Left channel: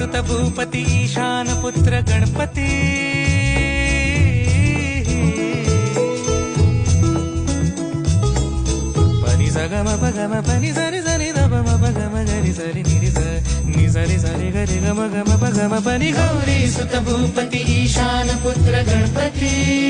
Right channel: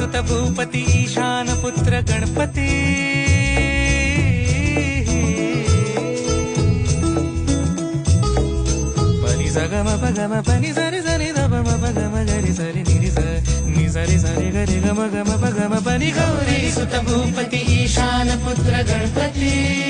सुत भूपति ईशानपुत्र गणपति। परि झगम भगम पनि सरि सरि दबम पगम गरि सरि निरि नि सरि सरि गरि गम गम पगम पनि गौरी सुत भूपति ईशान पुत्र गणपति।